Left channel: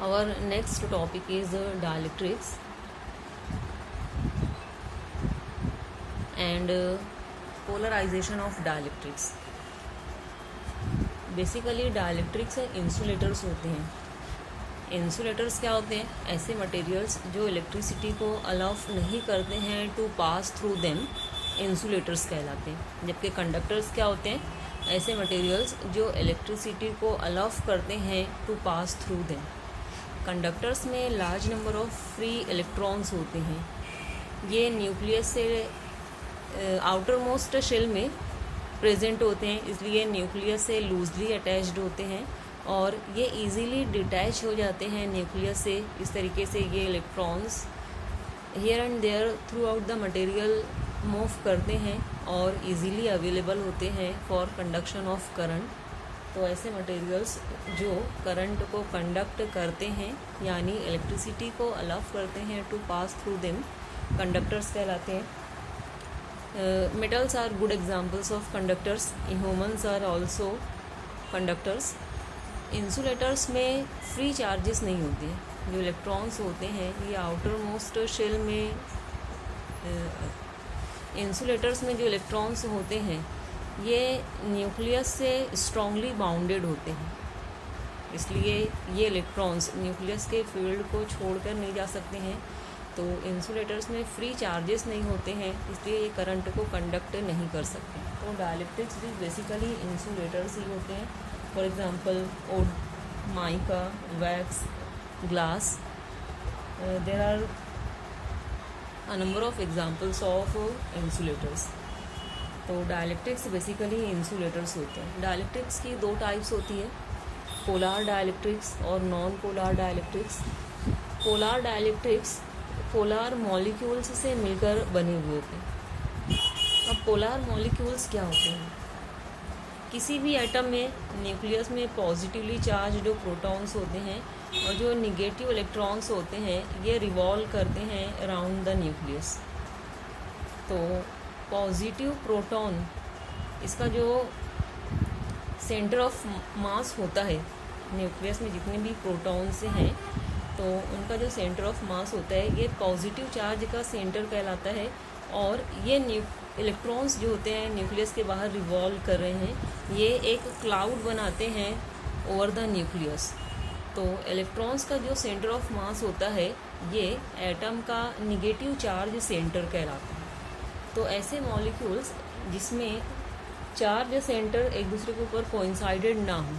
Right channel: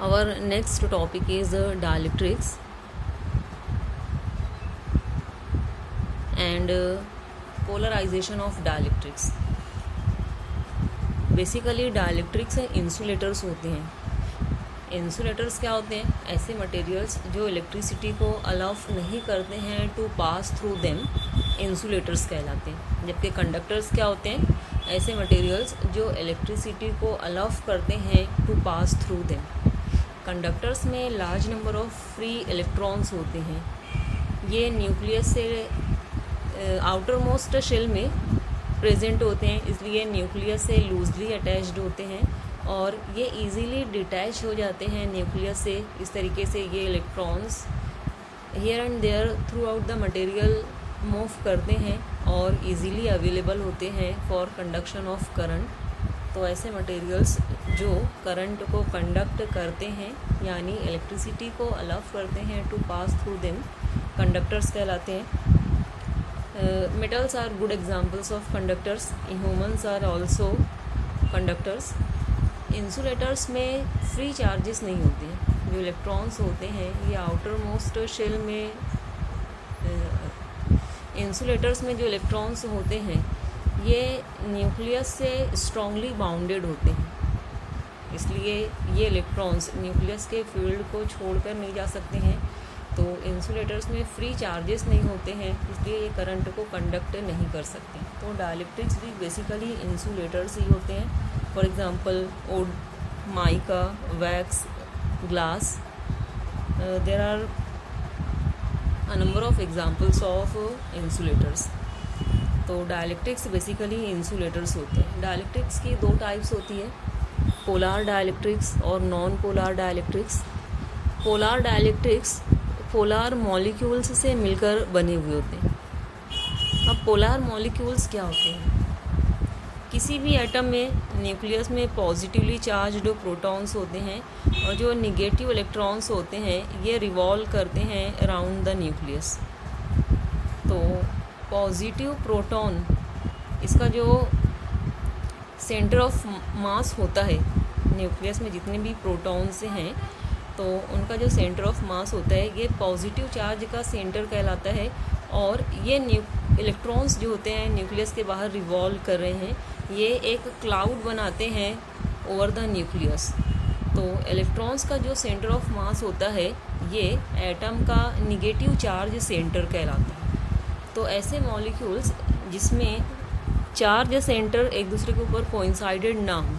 Our next topic is dielectrics and polarization of dielectrics. Basically dielectrics insulators होते हैं. Insulators क्या होते हैं? ऐसे मटेरियल्स जो इलेक्ट्रिसिटी को अलाउ नहीं करते हैं to pass through them, insulators कहलाते हैं. जबकि कंडक्टर्स क्या होते हैं? ऐसे मटेरियल्स जो इलेक्ट्रिसिटी को अलाउ करते हैं to pass through them. Conductors में large number of free electrons होते हैं. ये न्यूक्लियस से आउटर मोस्ट शेल में प्रेजेंट होते हैं, इसलिए न्यूक्लियस से लूजली अटैच्ड होते हैं और ये इजीली डिटैच हो जाते हैं न्यूक्लियस से. इस तरीके से ये electrons here and there throughout the material move करते हैं और इजीली अवेलेबल होते हैं फॉर कंडक्शन ऑफ करंट. तो ऐसे मटेरियल्स जो करंट को कंडक्ट करते हैं यानी इलेक्ट्रिसिटी को अलाउ करते हैं to pass through them, conductors कहलाते हैं. Metals are good examples of conductors. Humans are also conductors. Insulators में फ्री चार्जेस नहीं होते हैं. जो इलेक्ट्रॉन्स होते हैं ये आउटर मोस्ट शेल में, इंसुलेटर्स में जो इलेक्ट्रॉन्स होते हैं ये न्यूक्लियस से स्ट्रांगली बाउंडेड होते हैं, इसलिए ये इलेक्ट्रॉन्स न्यूक्लियस के फील्ड को छोड़कर नहीं जा सकते हैं. तो इंसुलेटर्स में फ्री चार्जेस नहीं होते हैं, इसलिए ये करंट को कंडक्ट नहीं कर सकते. तो डायलेक्ट्रिक्स भी बेसिकली इंसुलेटर्स ही होते हैं. For example wood, mica, wax, glass. There are a number of examples of insulators. तो डायलेक्ट्रिक्स बेसिकली इंसुलेटर्स होते हैं. डायलेक्ट्रिक्स की दो टाइप्स होती है, पोलार डायलेक्ट्रिक्स और non polar dielectrics. Polar dielectrics polar molecules से मिलकर बने हुए होते हैं. अब पोलार मॉलिक्यूल्स क्या होते हैं? किसी भी एटम में न्यूक्लियस में पॉजिटिवली चार्ज्ड प्रोटॉन्स होते हैं और जो निगेटिव इलेक्ट्रॉन्स होते हैं ये रिवॉल्व करते हैं अराउंड द न्यूक्लियस. तो पॉजिटिव प्रोटॉन, इसका जो सेंटर ऑफ मास होता है, न्यूक्लियस में जितने भी प्रोटॉन्स हैं तो उनका जो सेंटर ऑफ मास होता है ये पॉजिटिव चार्ज का सेंटर कहलाता है. और ये इलेक्ट्रॉन्स जो होते हैं न्यूक्लियस के बाहर रिवॉल्व कर रहे हैं, ये एक क्लाउड बनाते हैं ओवर द न्यूक्लियस. तो इलेक्ट्रॉन्स का जो सेंटर ऑफ मास होता है ये एटम का निगेटिव चार्ज सेंटर कहलाता है. तो ऐसे मॉलिक्यूल्स जिसमें चार्ज सेंटर एक दूसरे के ऊपर कोइंसाइडेड ना हो,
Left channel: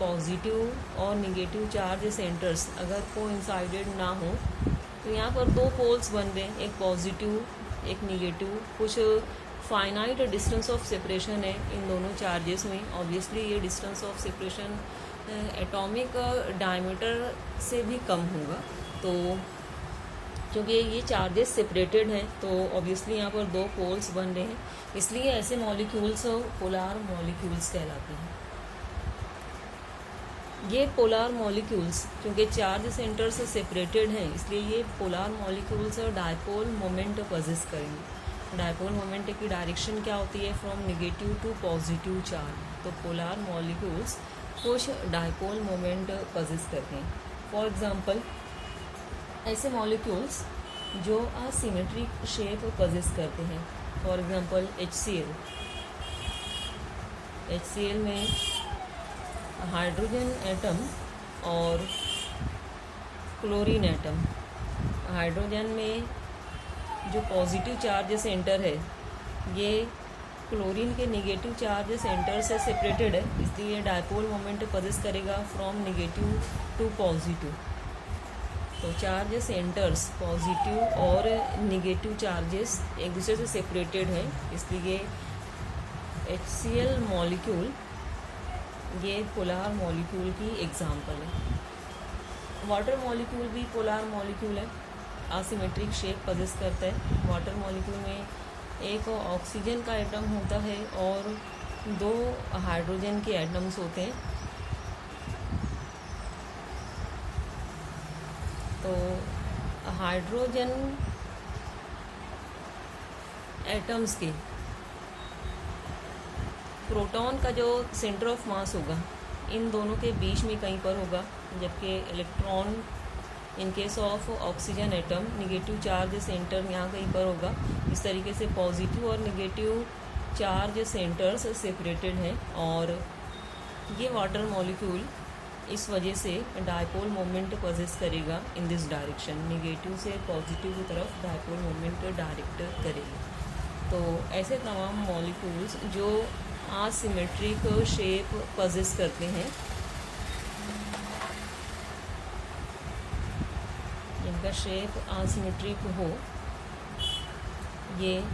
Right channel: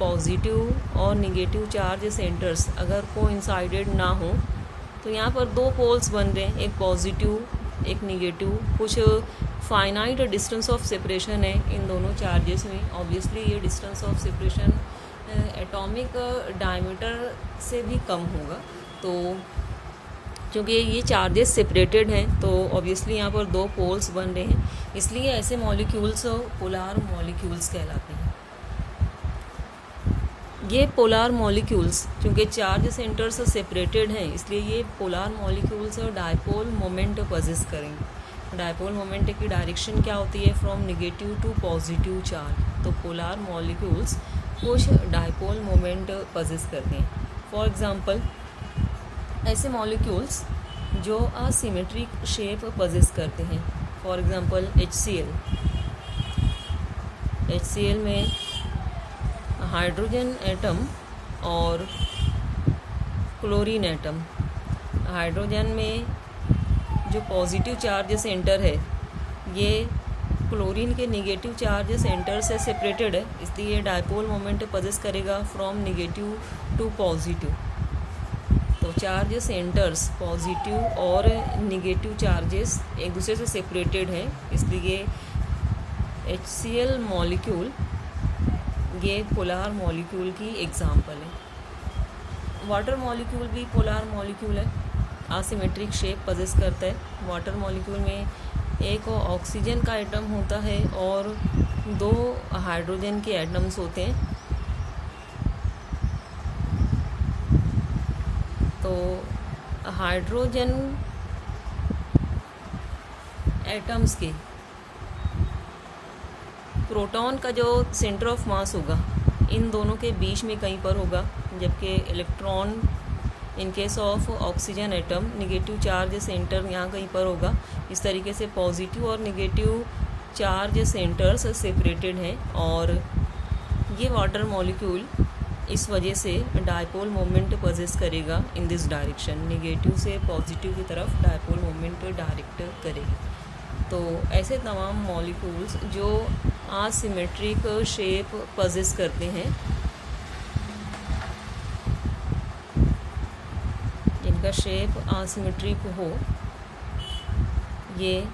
पॉजिटिव और निगेटिव चार्ज सेंटर्स अगर कोइंसाइडेड ना हो, तो यहाँ पर दो पोल्स बन रहे हैं, एक पॉजिटिव एक निगेटिव. कुछ फाइनाइट डिस्टेंस ऑफ सेपरेशन है इन दोनों चार्जेस में. ऑब्वियसली ये distance of separation atomic diameter से भी कम होगा. तो क्योंकि ये चार्जेस सेपरेटेड हैं तो ऑब्वियसली यहाँ पर दो पोल्स बन रहे हैं, इसलिए ऐसे मॉलिक्यूल्स पोलार मॉलिक्यूल्स कहलाते हैं. ये पोलार मॉलिक्यूल्स क्योंकि चार्ज सेंटर से सेपरेटेड हैं, इसलिए ये polar molecules dipole moment possess करेंगे. डायपोल मोमेंट की डायरेक्शन क्या होती है? From negative to positive charge. तो पोलार मॉलिक्यूल्स कुछ डायपोल मोमेंट पजेस करते हैं. फॉर एग्जांपल ऐसे मॉलिक्यूल्स जो असिमेट्रिक शेप पजेस करते हैं. For example HCl. HCl में हाइड्रोजन एटम और क्लोरीन एटम. हाइड्रोजन में जो पॉजिटिव चार्ज सेंटर है ये क्लोरीन के निगेटिव चार्ज सेंटर से सेपरेटेड है, इसलिए डायपोल मोमेंट पजेस करेगा फ्रॉम निगेटिव टू पॉजिटिव. तो चार्ज सेंटर्स पॉजिटिव और निगेटिव चार्जेस एक दूसरे से सेपरेटेड है, इसलिए HCl मॉलिक्यूल ये पोलार मॉलिक्यूल की एग्जाम्पल है. वाटर मॉलिक्यूल भी पोलार मॉलिक्यूल है, असिमेट्रिक शेप पजेस करता है. वाटर मॉलिक्यूल में एक ऑक्सीजन का एटम होता है और दो हाइड्रोजन के एटम्स होते हैं. तो हाइड्रोजन एटम्स के प्रोटॉन का जो सेंटर ऑफ मास होगा इन दोनों के बीच में कहीं पर होगा, जबकि electron in case of oxygen atom negative charge centre यहाँ कहीं पर होगा। इस तरीके से पॉजिटिव और निगेटिव चार्ज सेंटर्स सेपरेटेड हैं और ये वाटर मॉलिक्यूल इस वजह से डायपोल मोमेंट पजेस करेगा इन दिस डायरेक्शन, निगेटिव से पॉजिटिव की तरफ डायपोल मोमेंट डायरेक्ट करेगा। तो ऐसे तमाम मॉलिक्यूल्स जो असिमेट्रिक शेप पजेस करते हैं, जिनका शेप असिमेट्रिक हो, ये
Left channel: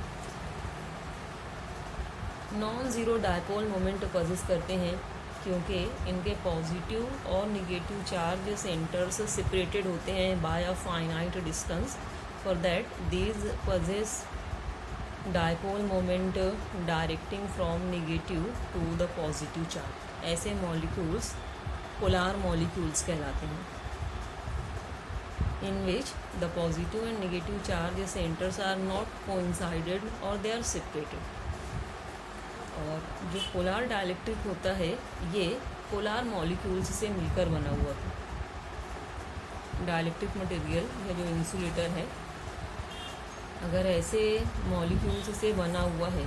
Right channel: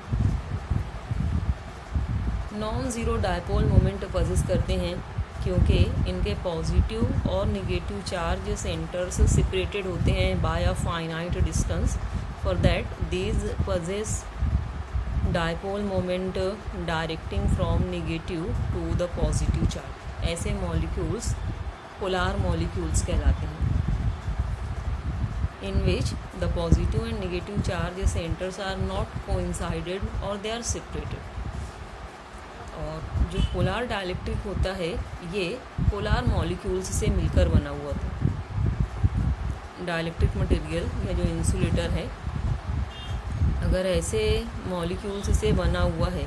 non zero dipole moment possess करते हैं क्योंकि इनके पॉजिटिव और निगेटिव चार्ज सेंटर्स सेपरेटेड होते हैं by a finite distance. For that these possess dipole moment directing from negative to the positive charge. ऐसे मॉलिक्यूल्स पोलार मॉलिक्यूल्स कहलाते हैं, in which the positive and negative charge centers are not coincided or they are separated। और जो polar dielectric होता है ये polar molecules से मिलकर बना हुआ था। डायलेक्ट्रिक मटेरियल या जो इंसुलेटर है, अगर ऐसे मॉलिक्यूल्स से बना हुआ है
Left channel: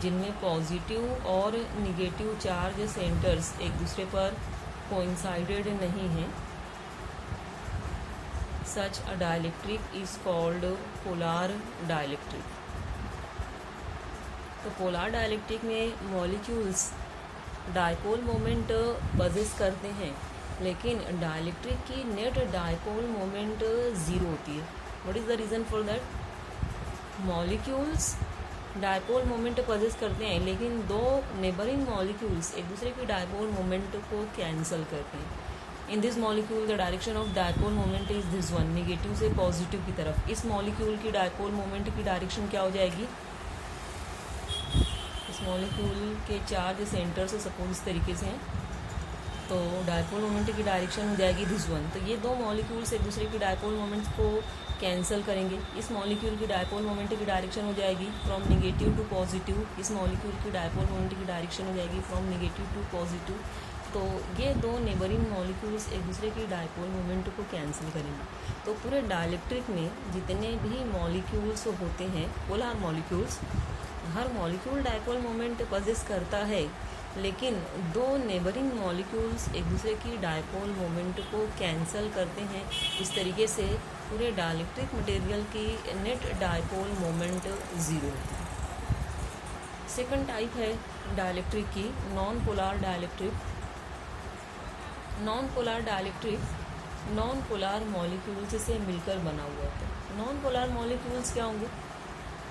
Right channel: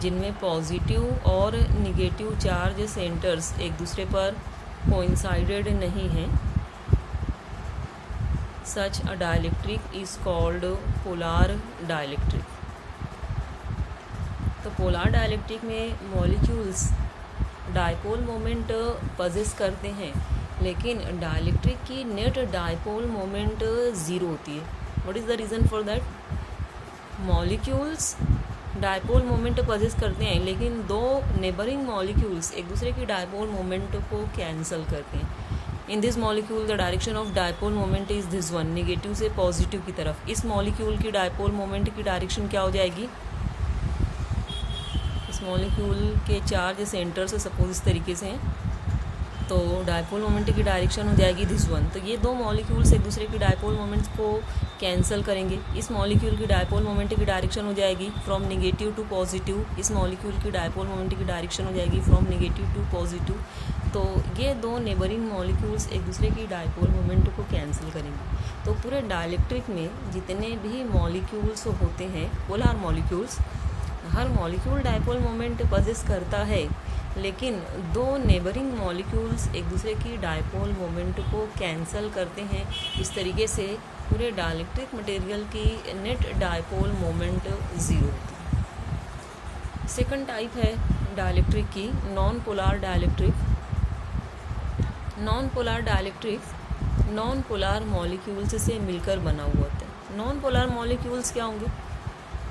जिनमें पॉजिटिव और निगेटिव चार्ज सेंटर्स एक दूसरे पर कोइंसाइडेड नहीं हैं, such a dielectric is called polar dielectric. तो पोलार डायलेक्ट्रिक में मॉलिक्यूल्स डायपोल मोमेंट पजेस करते हैं, लेकिन डायलेक्ट्रिक की नेट डायपोल मोमेंट ज़ीरो होती है। What is the reason for that? Molecules dipole moment possess करते हैं, लेकिन दो नेबरिंग मॉलिक्यूल्स एक दूसरे की डायपोल मोमेंट को कैंसिल करते हैं। In this molecule the direction of dipole moment is this one, negative से पॉजिटिव की तरफ। इस मॉलिक्यूल की डायपोल मोमेंट की डायरेक्शन क्या हो जाएगी? इस मॉलिक्यूल के चार्ज सेंटर से सपोज इस तरीके से हैं, तो डायपोल मोमेंट की डायरेक्शन हो जाएगी दिस वन। तो ये दो मॉलिक्यूल्स एक दूसरे की डायपोल मोमेंट्स को कैंसिल करेंगे। इस मॉलिक्यूल की डायपोल मोमेंट की डायरेक्शन हो जाएगी फ्रॉम निगेटिव टू पॉजिटिव, इस मॉलिक्यूल की डायपोल मोमेंट की डायरेक्शन हो जाएगी फ्रॉम निगेटिव टू पॉजिटिव। तो ये दो नेबरिंग मॉलिक्यूल्स एक दूसरे की डायपोल मोमेंट को कैंसिल करेंगे। तो पूरे डायलेक्ट्रिक में जितने भी मॉलिक्यूल्स होते हैं पोलार मॉलिक्यूल्स, हर मॉलिक्यूल डायपोल मोमेंट पजेस करता है, लेकिन दो नेबरिंग मॉलिक्यूल्स एक दूसरे की डायपोल मोमेंट को कैंसिल करते हैं। इस तरीके से पूरे डायलेक्ट्रिक मटेरियल की नेट डायपोल मोमेंट ज़ीरो होती है। सेकंड टाइप है डायलेक्ट्रिक की non polar dielectric. Non polar dielectric non polar molecules से मिलकर बना हुआ होता है। नॉन पोलार मॉलिक्यूल्स क्या होंगे?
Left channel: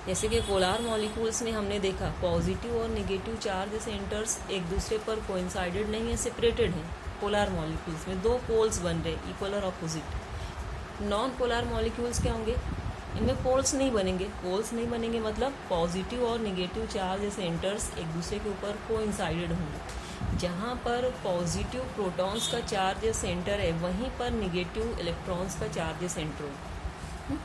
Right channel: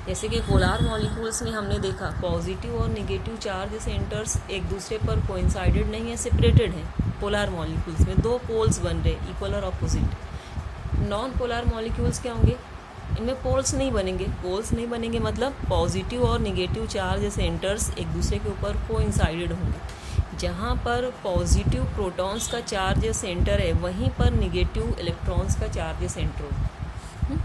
जैसे कि पोलार मॉलिक्यूल्स में हमने देखा पॉजिटिव और निगेटिव चार्ज सेंटर्स एक दूसरे पर कोइंसाइडेड नहीं है, सेपरेटेड हैं। पोलार मॉलिक्यूल्स में दो पोल्स बन रहे, इक्वल और अपोजिट। नॉन पोलार मॉलिक्यूल्स क्या होंगे? इनमें पोल्स नहीं बनेंगे। पोल्स नहीं बनेंगे मतलब पॉजिटिव और निगेटिव चार्ज सेंटर्स एक दूसरे के ऊपर कोइंसाइडेड होंगे। जहाँ पर पॉजिटिव प्रोटॉन्स का चार्ज सेंटर है, वहीं पर निगेटिव इलेक्ट्रॉन्स का चार्ज सेंटर हो।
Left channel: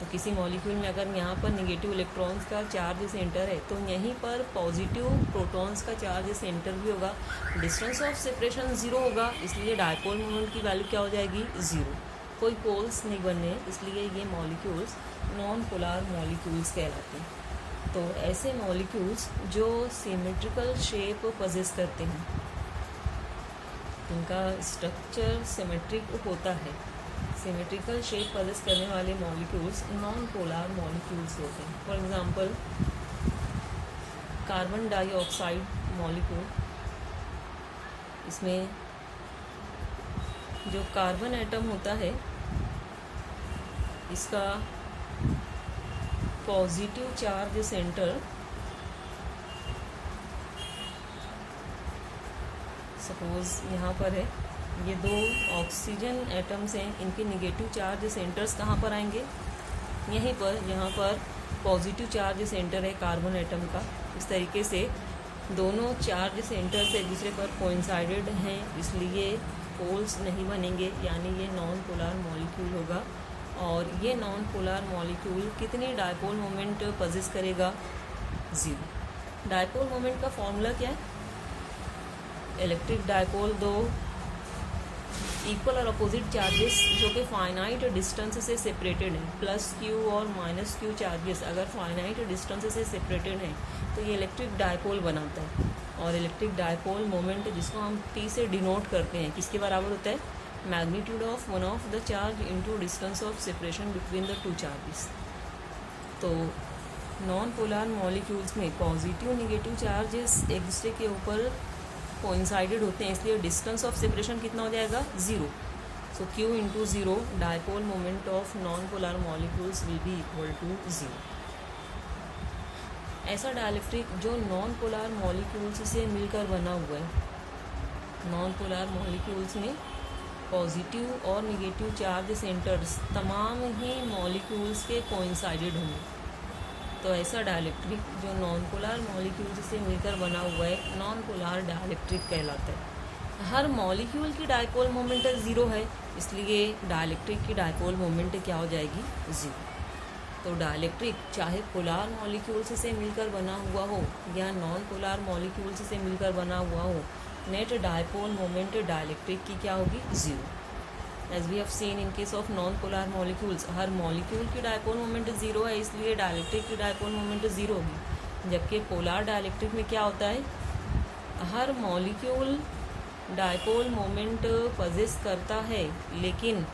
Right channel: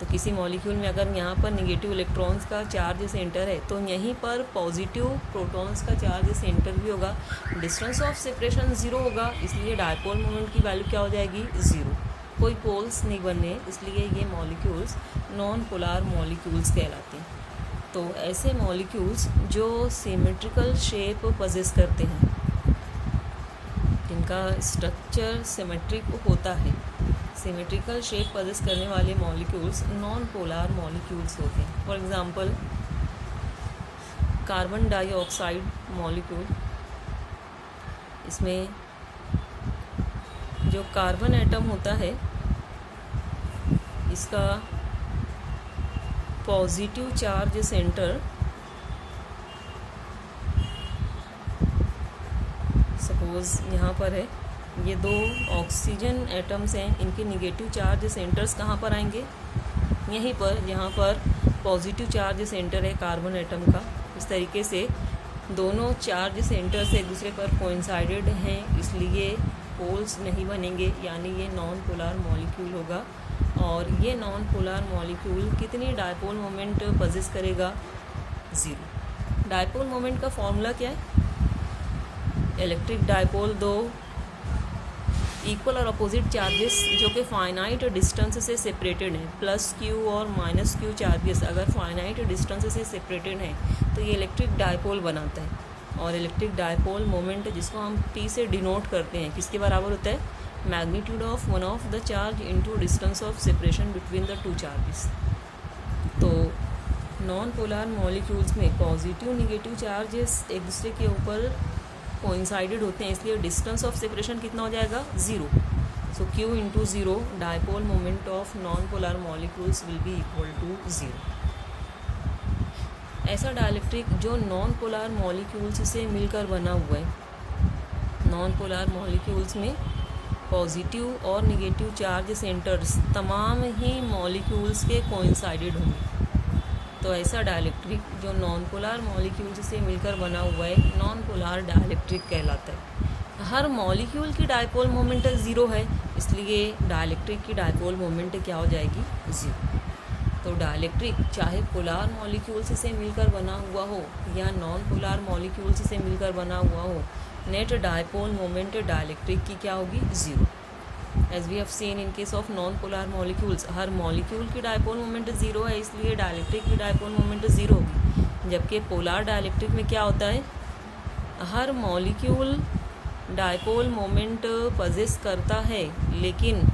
तो किसी मॉलिक्यूल में अगर यहाँ पर निगेटिव इलेक्ट्रॉन्स का चार्ज सेंटर है, तो यहीं पर पॉजिटिव प्रोटॉन्स का चार्ज सेंटर भी होगा। डिस्टेंस ऑफ सेपरेशन ज़ीरो होगा, इसलिए डायपोल मोमेंट की वैल्यू क्या हो जाएगी? ज़ीरो। कोई पोल्स नहीं बने, इसलिए ये मॉलिक्यूल्स नॉन पोलार मॉलिक्यूल्स कहलाते हैं। तो ऐसे मॉलिक्यूल्स जो सिमेट्रिकल शेप पजेस करते हैं, जिनका स्ट्रक्चर सिमेट्रिक होता है, सिमेट्रिकल शेप पजेस करने वाले मॉलिक्यूल्स नॉन पोलार मॉलिक्यूल्स होते हैं। For example carbon dioxide molecule, इसमें जो कार्बन एटम होता है इसका पॉजिटिव चार्ज सेंटर सपोज यहाँ पर है, ये दो ऑक्सीजन एटम्स हैं, इनके निगेटिव चार्ज सेंटर्स कहाँ पर आएंगे? यहीं पर, यहाँ पर पॉजिटिव चार्ज सेंटर है कार्बन एटम का। इस तरीके से दोनों चार्ज सेंटर से एक दूसरे पर कोइंसाइडेड हैं, इसलिए पोल्स नहीं बनेंगे, यानी ये नॉन पोलार मॉलिक्यूल होगा। और ये नॉन पोलार मॉलिक्यूल कितनी डायपोल मोमेंट पजेस करेगा? ज़ीरो। डायपोल मोमेंट का फॉर्मूला क्या है? इलेक्ट्रिक डायपोल दो इक्वल और अपोजिट चार्जेस जो कि फाइनाइट डिस्टेंस से सेपरेटेड हैं, प्लस क्यू और माइनस क्यू चार्जेस अगर फाइनाइट डिस्टेंस से सेपरेटेड हैं तो ये इलेक्ट्रिक डायपोल बनाता है। और इलेक्ट्रिक डायपोल मोमेंट जिसको हम P से डिनोट करते हैं किसके बराबर होता है, magnitude of one of the charge into distance of separation between the two charges. तो नॉन पोलर मॉलिक्यूल्स में पॉजिटिव निगेटिव चार्जेस एक दूसरे के ऊपर कोइंसाइडेड होते हैं, इसलिए डिस्टेंस ऑफ सेपरेशन कितना हो जाएगा, 0। So Q into 0 dipole moment of non polar molecules will be equal to 0। ऐसा डाइलेक्ट्रिक जो नॉन पोलर मॉलिक्यूल्स से मिलकर बना हुआ है, नॉन पोलर मॉलिक्यूल्स में पॉजिटिव और निगेटिव चार्ज सेंटर्स तमाम ही मॉलिक्यूल्स के कोइंसाइडेड होंगे, तो ऐसा डाइलेक्ट्रिक जो नॉन पोलर मॉलिक्यूल्स से मिलकर बना हुआ है नॉन पोलर डाइलेक्ट्रिक कहलाता है। हर मॉलिक्यूल की डायपोल मोमेंट 0 है, इसलिए डाइलेक्ट्रिक की डायपोल मोमेंट क्या हो जाएगी, 0। तो डाइलेक्ट्रिक चाहे पोलर मॉलिक्यूल्स से मिलकर बना हुआ हो या नॉन पोलर मॉलिक्यूल्स से मिलकर बना हुआ हो, नेट डायपोल मोमेंट डाइलेक्ट्रिक की क्या होगी, 0। As we have seen in case of non polar molecules हर मॉलिक्यूल की डायपोल मोमेंट 0 है, इसलिए डाइलेक्ट्रिक की डायपोल मोमेंट 0 होगी। जबकि पोलर डाइलेक्ट्रिक में क्या होता है, हर मॉलिक्यूल डायपोल मोमेंट पजेस करता है, लेकिन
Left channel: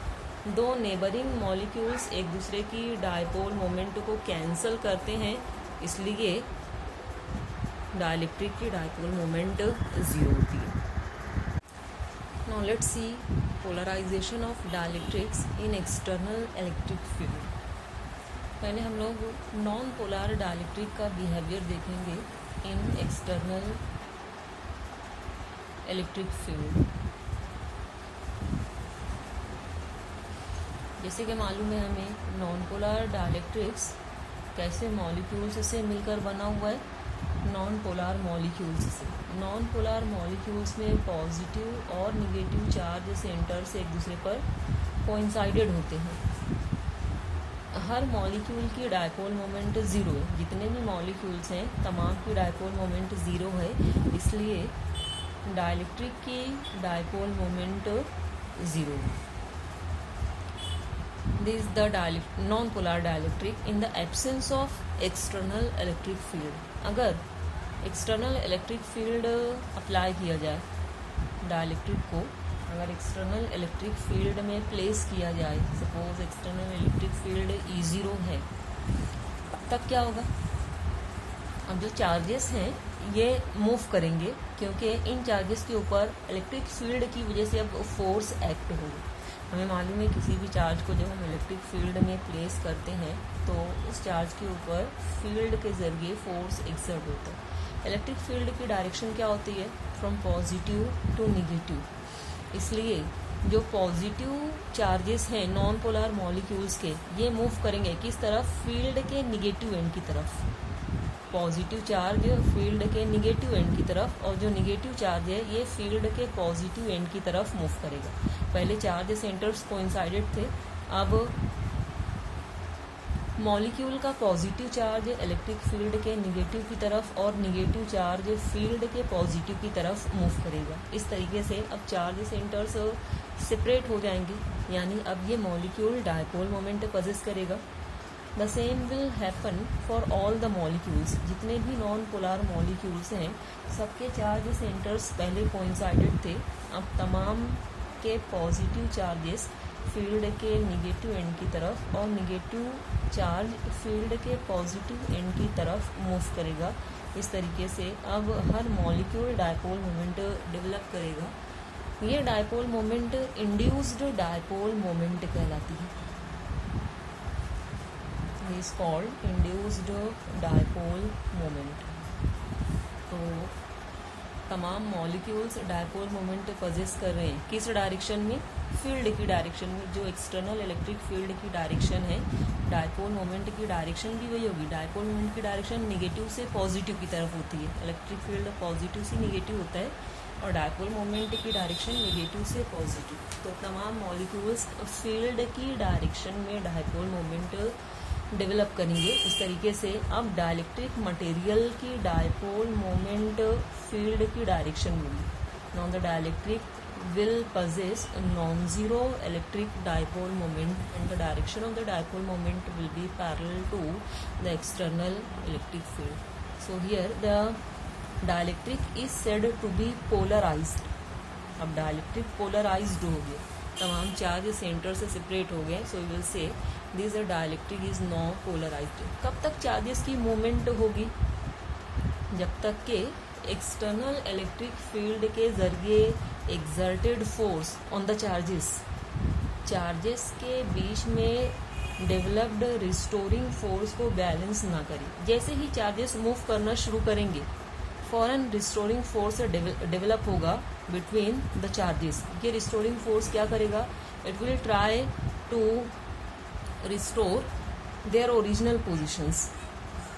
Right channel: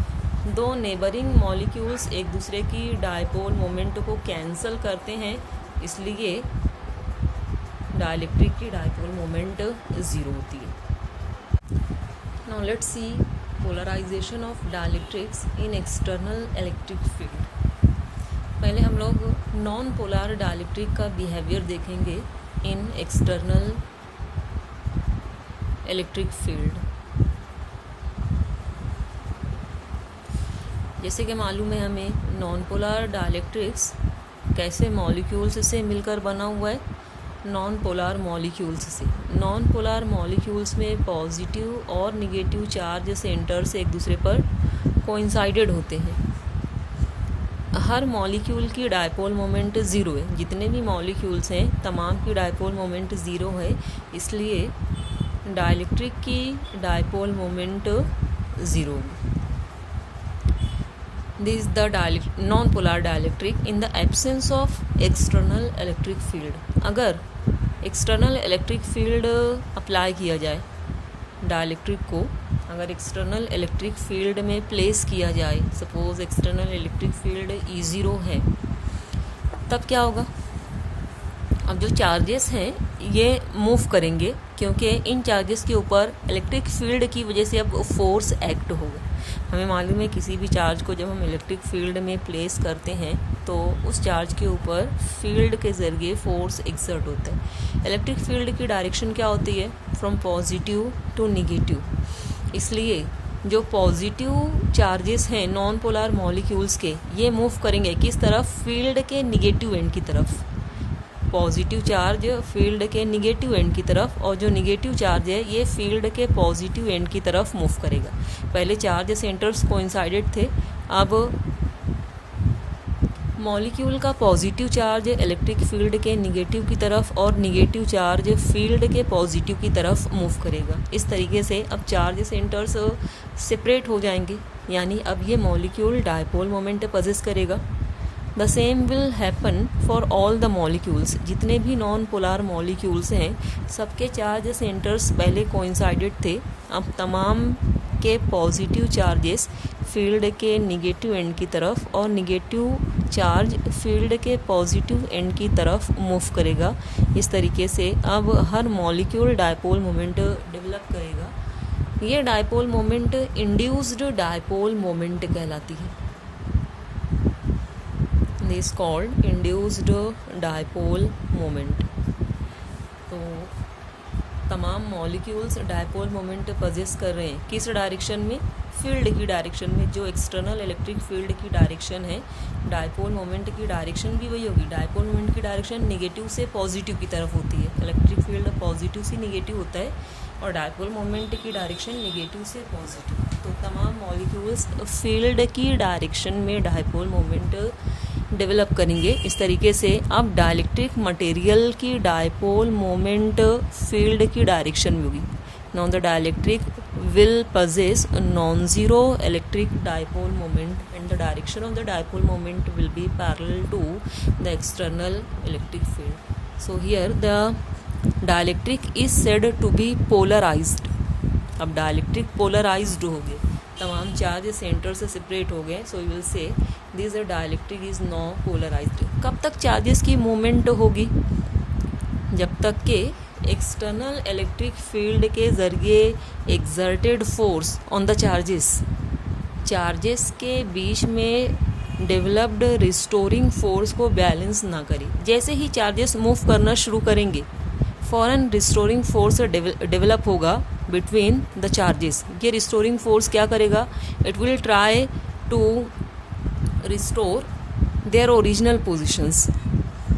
दो नेबरिंग मॉलिक्यूल्स एक दूसरे की डायपोल मोमेंट को कैंसल करते हैं, इसलिए डाइलेक्ट्रिक की डायपोल मोमेंट 0 होती है। Now let's see polarisation of dielectrics in external electric field. पहले हम लोग नॉन पोलर डाइलेक्ट्रिक का बिहेवियर देखेंगे इन एक्सटर्नल इलेक्ट्रिक फील्ड। जैसे कि मालूम है हमें नॉन पोलर डाइलेक्ट्रिक्स कैसे मॉलिक्यूल्स से मिलकर बना हुआ है, नॉन पोलर मॉलिक्यूल्स से। नॉन पोलर मॉलिक्यूल्स में पॉजिटिव और निगेटिव चार्ज सेंटर्स एक दूसरे पर कोइंसाइडेड होते हैं। हर मॉलिक्यूल की डायपोल मोमेंट 0 है, जितने भी मॉलिक्यूल्स हैं तमाम की डायपोल मोमेंट 0 है, इसलिए डाइलेक्ट्रिक की डायपोल मोमेंट 0 है। This is the non-polar dielectric in the absence of external electric field। अगर एक्सटर्नल इलेक्ट्रिक फील्ड अप्लाई किया जाए डाइलेक्ट्रिक को, अगर एक्सटर्नल इलेक्ट्रिक फील्ड में प्लेस किया जाए, suppose external electric field E0 है, तब क्या होगा, अब जो चार्जेस हैं ये मूव करेंगे, क्योंकि इन चार्जेस के ऊपर इलेक्ट्रिक फील्ड की वजह से अब फोर्स एक्ट होगा। हमें मालूम है किसी भी चार्ज को जब हम इलेक्ट्रिक फील्ड में प्लेस करते हैं तो उस चार्ज के ऊपर फील्ड के ज़रिए फोर्स एक्सर्ट होता है। इलेक्ट्रिक फील्ड की डायरेक्शन क्या होती है, फ्रॉम पॉजिटिव टू निगेटिव। इसलिए जो पॉजिटिव चार्जेस हैं नॉन पोलर मॉलिक्यूल्स के, ये मूव करेंगे किस तरफ, फील्ड के निगेटिव एंड की तरफ। पॉजिटिव चार्ज फील्ड के निगेटिव एंड की तरफ, और जो निगेटिव चार्ज है ये फील्ड के पॉजिटिव एंड की तरफ मूव करेगा। पहले चार्ज सेंटर्स कोइंसाइडेड थे, अब मॉलिक्यूल का पॉजिटिव चार्ज इलेक्ट्रिक फील्ड के निगेटिव की तरफ और निगेटिव चार्ज फील्ड के पॉजिटिव की तरफ मूव करेगा। इस तरीके से अब चार्ज सेंटर्स सेपरेट हो जाएंगे, यानी अब ये मॉलिक्यूल डायपोल मोमेंट पजेस करेगा। The same will happen for all the molecules. जितने भी नॉन पोलर मॉलिक्यूल्स हैं सबके चार्ज सेंटर्स पहले कोइंसाइडेड थे, अब तमाम के पॉजिटिव चार्जेस फील्ड के निगेटिव एंड की तरफ और निगेटिव चार्ज फील्ड के पॉजिटिव एंड की तरफ मूव करेगा। इस तरीके से अब हर मॉलिक्यूल डायपोल मोमेंट डेवलप करेगा। ये dipole moment induced dipole moment कहलाती है। This called induced dipole moment. तो तमाम मॉलिक्यूल्स डायपोल मोमेंट पजेस कर रहे हैं किस डायरेक्शन में, फील्ड की डायरेक्शन में। जो एक्सटर्नल इलेक्ट्रिक फील्ड की डायरेक्शन है, डायपोल मोमेंट की डायरेक्शन भी वही होगी। डायपोल मोमेंट की डायरेक्शन निगेटिव से पॉजिटिव की तरफ होती है। इलेक्ट्रिक फील्ड पॉजिटिव से निगेटिव होता है और डायपोल मोमेंट की डायरेक्शन निगेटिव से पॉजिटिव। तो तमाम मॉलिक्यूल्स फील्ड की डायरेक्शन में डायपोल मोमेंट डेवलप करेंगे। इस तरीके से अब डाइलेक्ट्रिक मटेरियल की डायपोल मोमेंट फील्ड की डायरेक्शन में होगी। Now the dielectric will possess a non-zero electric dipole moment, and the direction of the dipole moment will be parallel to the external electric field. So here the dielectric is said to be polarized. अब dielectric polarized हो गया, तमाम charge centre से separate हो गया. So you will say this dielectric is non polarised. कब तक charges की मूवमेंट होगी? जब तक के एक्सटर्नल इलेक्ट्रिक फील्ड के जरिए exerted force on the charges के बीच में डेवलप्ड रिस्टोरिंग फोर्स को बैलेंस ना करे. जैसे ही चार्जेस मूव करना शुरू करेंगे, फॉरन रिस्टोरिंग फोर्स डेवलप होगा बिटवीन द चार्जेस. ये रिस्टोरिंग फोर्स क्या करेगा? It will try to restore their original positions.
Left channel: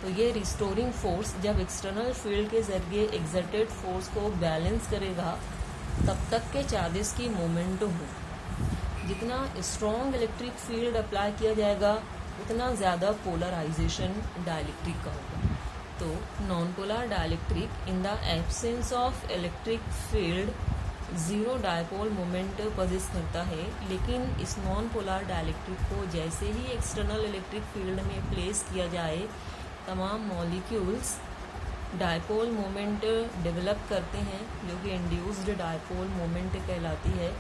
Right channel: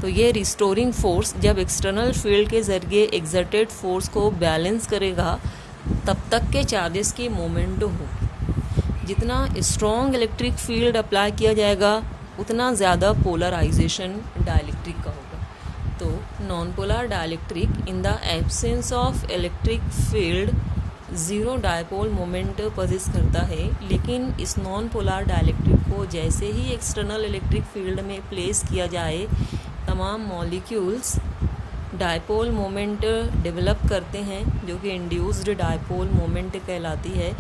तो ये रिस्टोरिंग फोर्स जब एक्सटर्नल फील्ड के ज़रिए एक्सर्टेड फोर्स को बैलेंस करेगा, तब तक के चार्जेस की मोमेंट हो. जितना स्ट्रॉन्ग इलेक्ट्रिक फील्ड अप्लाई किया जाएगा, उतना ज़्यादा पोलराइजेशन डाइलेक्ट्रिक का होगा. तो non polar dielectric in the absence of electric field zero dipole moment possess करता है. लेकिन इस नॉन पोलर डाइलेक्ट्रिक को जैसे ही एक्सटर्नल इलेक्ट्रिक फील्ड में प्लेस किया जाए, तमाम मॉलिक्यूल्स डायपोल मोमेंट डेवलप करते हैं, जो कि इंड्यूस्ड डायपोल मोमेंट कहलाती है.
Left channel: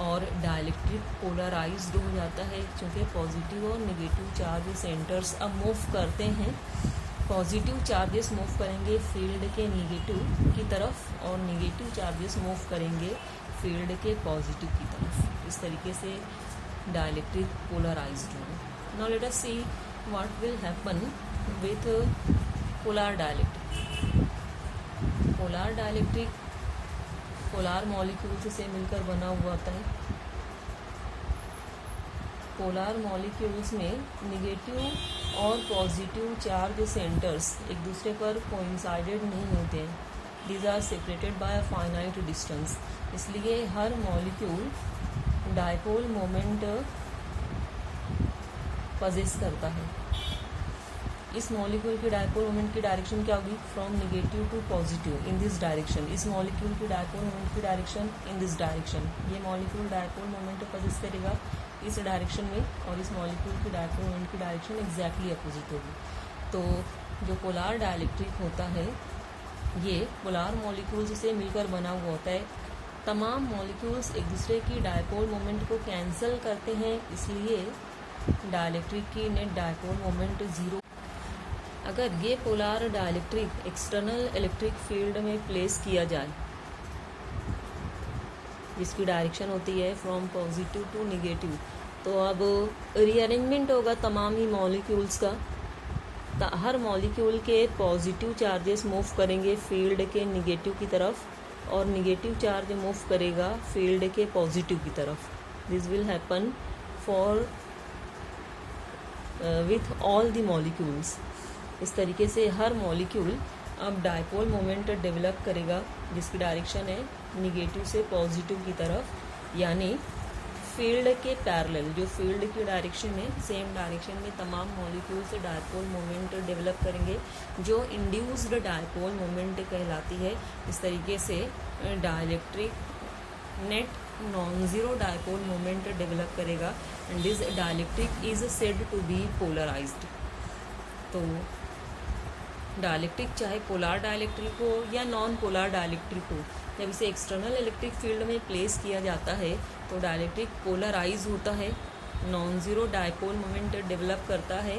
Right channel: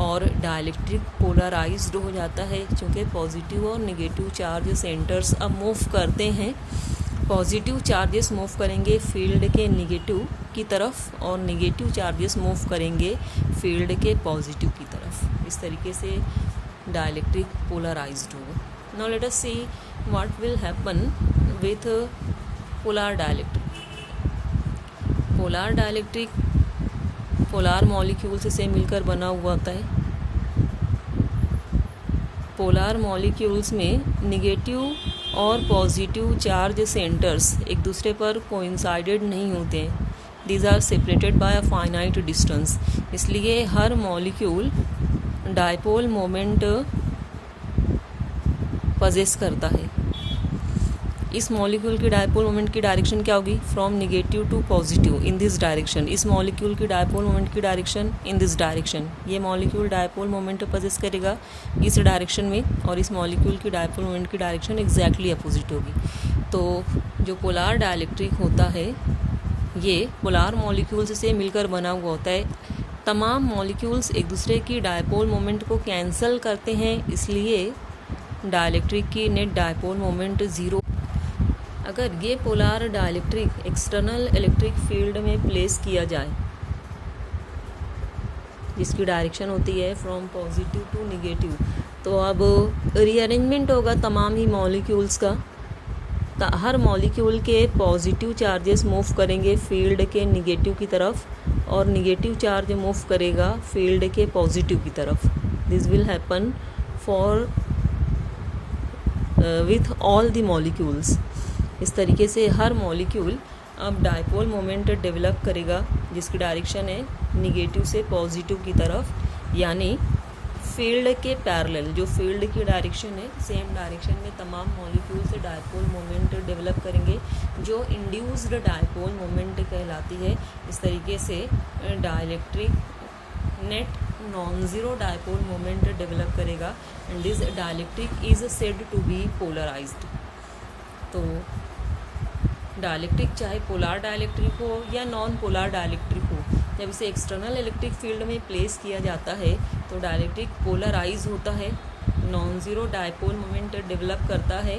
और डाइलेक्ट्रिक पोलराइज्ड हो जाता है, क्योंकि पॉजिटिव और नेगेटिव चार्ज सेंटर्स अब मूव करते हैं. पॉजिटिव चार्जेस मूव करेंगे फील्ड के नेगेटिव की तरफ, और नेगेटिव चार्जेस मूव करेंगे फील्ड के पॉजिटिव की तरफ. इस तरीके से डाइलेक्ट्रिक पोलराइज्ड होगा. Now let us see what will happen with polar dielectric. Polar dielectric polar molecules से मिलकर बना हुआ होता है. पोलर मॉलिक्यूल्स में नेगेटिव और पॉजिटिव चार्ज सेंटर्स एक दूसरे पर कोइंसाइडेड नहीं होते हैं. These are separated by a finite distance. इसलिए हर मॉलिक्यूल डायपोल मोमेंट पजेस करता है. इस मॉलिक्यूल की डायपोल मोमेंट की डायरेक्शन क्या होगी? From negative to positive in this direction. इस मॉलिक्यूल की डायपोल मोमेंट की डायरेक्शन इन दिस डायरेक्शन. ये मॉलिक्यूल डायपोल मोमेंट पजेस करेगा इस डायरेक्शन में, और इस मॉलिक्यूल की डायपोल मोमेंट की डायरेक्शन एग्जैक्टली अपोजिट होगी. तो जो पोलर डाइलेक्ट्रिक होता है, ये पोलर मॉलिक्यूल्स से मिलकर बना हुआ होता है. तमाम मॉलिक्यूल्स एक दूसरे की डायपोल मोमेंट को कैंसिल करते हैं, इसलिए डाइलेक्ट्रिक की नेट डायपोल मोमेंट ज़ीरो. अगर ये polar dielectric external electric field में प्लेस किया जाए, जिसकी डायरेक्शन होती है फ्रॉम पॉजिटिव टू नेगेटिव, तो अब रीअरेंजमेंट होगा तमाम ही मॉलिक्यूल्स का. हर मॉलिक्यूल के पॉजिटिव चार्जेस मूव करेंगे फील्ड के नेगेटिव की तरफ, और नेगेटिव चार्ज मूव करेगा फील्ड के पॉजिटिव की तरफ. This will happen for with all the molecules. इस तरीके से हर मॉलिक्यूल अब डायपोल मोमेंट डेवलप करेगा, जिसकी डायरेक्शन है नेगेटिव से पॉजिटिव की तरफ, यानी फील्ड के पैरेलल. जो फील्ड की डायरेक्शन है, सेम डायरेक्शन में तमाम मॉलिक्यूल से डायपोल मोमेंट डेवलप करेंगे, जो इंड्यूस्ड डायपोल मोमेंट कहलाती है. इस तरीके से dielectric net non zero dipole moment develop करेगा, and this dielectric is said to be polarised. तो डाइलेक्ट्रिक चाहे पोलर डाइलेक्ट्रिक हो या नॉन पोलर डाइलेक्ट्रिक हो, जब इसे एक्सटर्नल इलेक्ट्रिक फील्ड में प्लेस किया जाता है, तो डाइलेक्ट्रिक पोलराइज होता है, non zero dipole moment develop करता है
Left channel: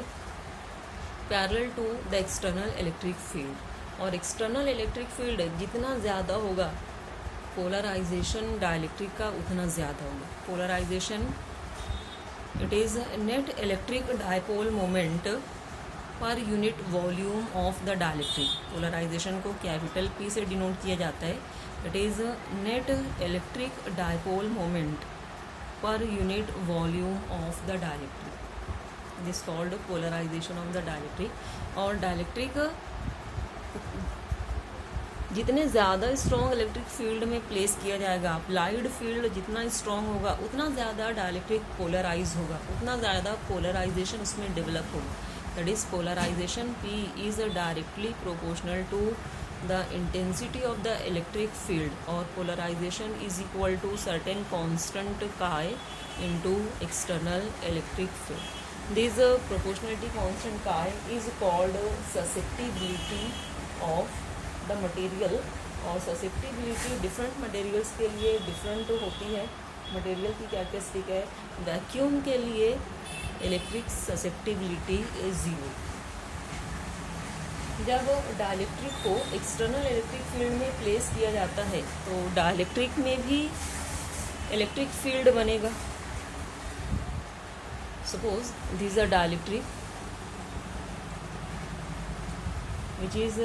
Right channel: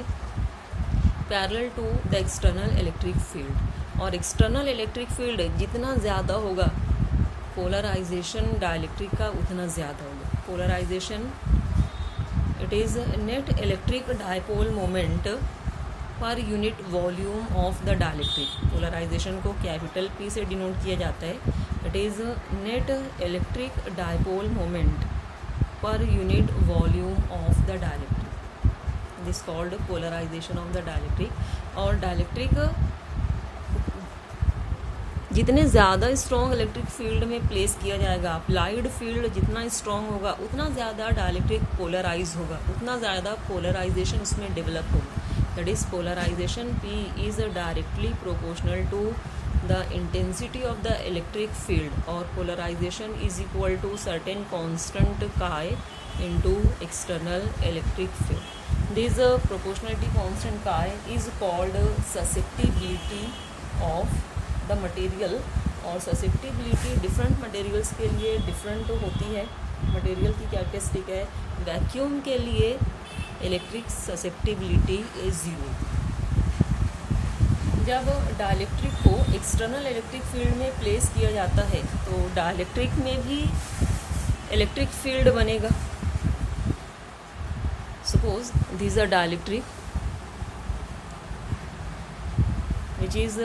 parallel to the external electric field. और एक्सटर्नल इलेक्ट्रिक फील्ड जितना ज़्यादा होगा, पोलराइजेशन डाइलेक्ट्रिक का उतना ज़्यादा होगा. Polarisation it is net electric dipole moment per unit volume of the dielectric. Polarisation को कैपिटल P से डिनोट किया जाता है. It is net electric dipole moment per unit volume of the dielectric. This called polarisation of the dielectric. और dielectric जितने ज़्यादा strong electric field में place किया जाएगा, अप्लाइड फील्ड जितना स्ट्रॉन्ग होगा, उतना ज़्यादा डाइलेक्ट्रिक पोलराइज होगा, उतना ज़्यादा पोलराइजेशन उसमें डेवलप होगा. That is polarization P is directly proportional to the intensity of the electric field or polarization is equal to certain constant chi into external electric field. This proportionality constant chi is called susceptibility of the material, और susceptibility different materials के लिए different होती है. Material की characteristic है, vacuum के लिए electric susceptibility is 0. जब डाइलेक्ट्रिक को एक्सटर्नल इलेक्ट्रिक फील्ड में प्लेस किया जाता है तो डाइलेक्ट्रिक में भी इलेक्ट्रिक फील्ड बनेगा. Suppose this a dielectric which is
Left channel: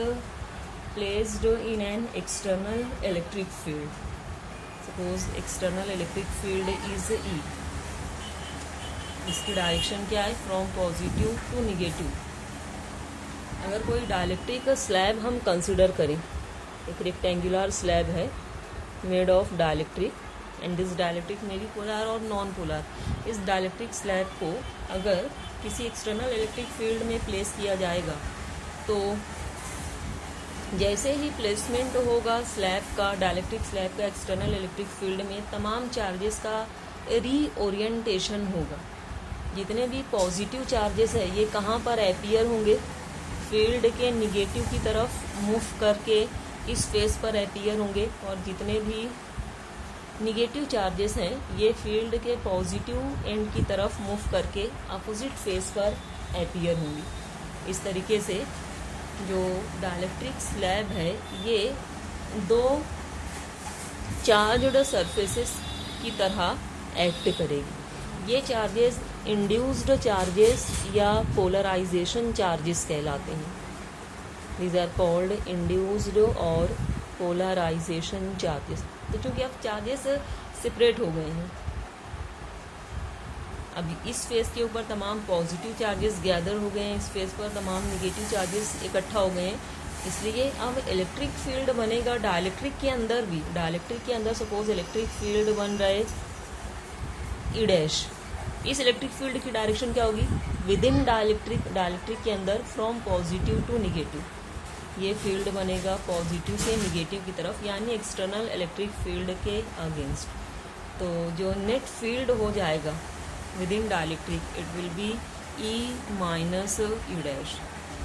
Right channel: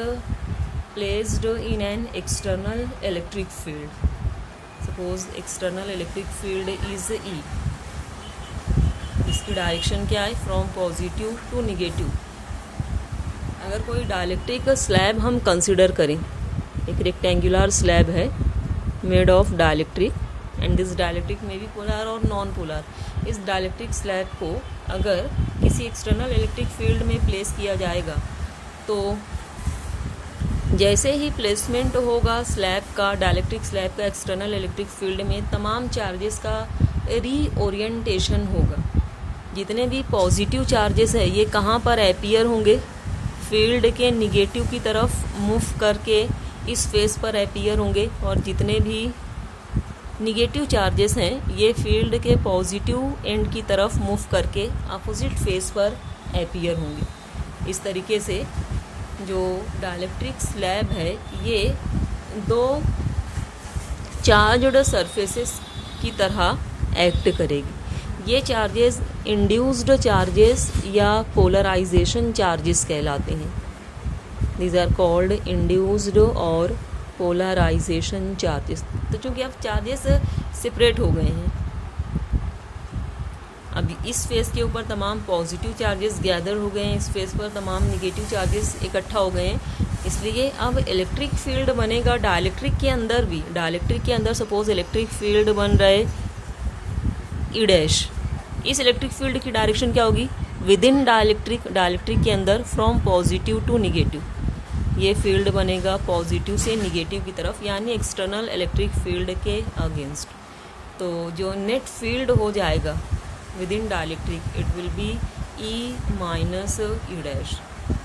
placed in an external electric field. Suppose external electric field is E. इसकी डायरेक्शन क्या है? From positive to negative. अगर कोई डाइलेक्ट्रिक स्लैब हम कंसिडर करें, एक रेक्टेंगुलर स्लैब है made of dielectric, and this dielectric में भी पोलर और नॉन पोलर. इस डाइलेक्ट्रिक स्लैब को अगर किसी एक्सटर्नल इलेक्ट्रिक फील्ड में प्लेस किया जाएगा तो जैसे ही प्लेसमेंट होगा स्लैब का, डाइलेक्ट्रिक स्लैब का एक्सटर्नल इलेक्ट्रिक फील्ड में, तमाम चार्जेस का रीओरिएंटेशन होगा. जितने भी पॉजिटिव चार्जेस है ये कहाँ पर अपीयर होंगे? फील्ड के निगेटिव की तरफ मूव करके इस फेस पर अपीयर होंगे, और जितने भी निगेटिव चार्जेस हैं ये फील्ड के पॉजिटिव एंड की तरफ मूव करके अपोजिट फेस पर अपीयर होंगे. इस तरीके से जो डाइलेक्ट्रिक स्लैब है ये दो चार्ज्ड सरफेसेस की तरह एक्ट करेगी. ये चार्जेस इंड्यूस्ड चार्जेस या पोलराइजेशन चार्जेस कहलाते हैं. दीज आर कॉल्ड इंड्यूस्ड और पोलराइजेशन चार्जेस. तो चूँकि अब चार्जेस सेपरेट हो गए हैं, अब इस फेस के ऊपर तमाम पॉजिटिव चार्जेस गैदर हो गए हैं, इस फेस पर तमाम निगेटिव चार्जेस इकट्ठा हो गए हैं, इसलिए अब इलेक्ट्रिक फील्ड बनेगा डाइलेक्ट्रिक के अंदर भी. डाइलेक्ट्रिक के अंदर सपोज इलेक्ट्रिक फील्ड बन रहे ई डैश. इस इलेक्ट्रिक फील्ड की डायरेक्शन क्या होगी? विद इन डाइलेक्ट्रिक, डाइलेक्ट्रिक के अंदर फ्रॉम पॉजिटिव टू निगेटिव. ये फील्ड बनेगा पॉजिटिव से निगेटिव की तरफ, यानी एक्सटर्नल इलेक्ट्रिक फील्ड के अगेंस्ट. तो जो नेट फील्ड हो जाएगा within dielectric it will be E minus E dash.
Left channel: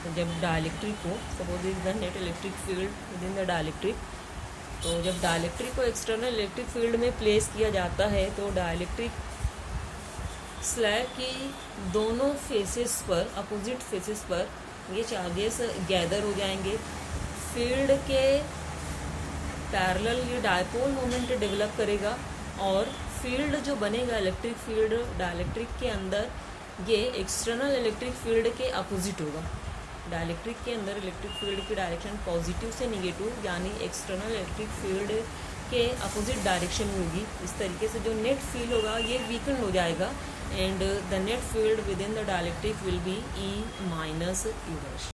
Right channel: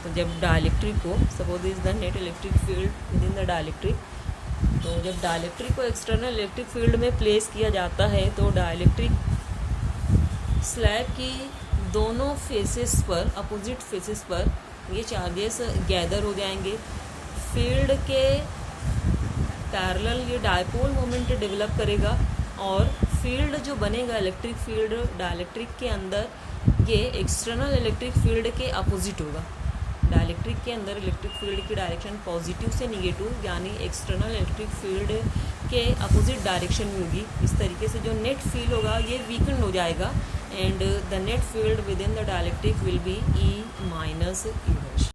तो जब डाइलेक्ट्रिक को, suppose is the net electric field within the dielectric, तो जब डाइलेक्ट्रिक को एक्सटर्नल इलेक्ट्रिक फील्ड में प्लेस किया जाता है तो डाइलेक्ट्रिक स्लैब की दोनों फेसेस पर, अपोजिट फेसेस पर ये चार्जेस गैदर हो जाएंगे. फील्ड के पैरेलल ये डायपोल मोमेंट डेवलप करेगा, और फील्ड जो बनेगा इलेक्ट्रिक फील्ड डाइलेक्ट्रिक के अंदर ये एक्सटर्नल इलेक्ट्रिक फील्ड के अपोजिट होगा. डाइलेक्ट्रिक के अंदर इलेक्ट्रिक फील्ड की डायरेक्शन पॉजिटिव से निगेटिव, यानी एक्सटर्नल इलेक्ट्रिक फील्ड के अपोजिट डायरेक्शन में होगी. इस तरीके से जो नेट फील्ड होगा ये वीकन हो जाएगा, and the net field within the dielectric will be E minus E dash.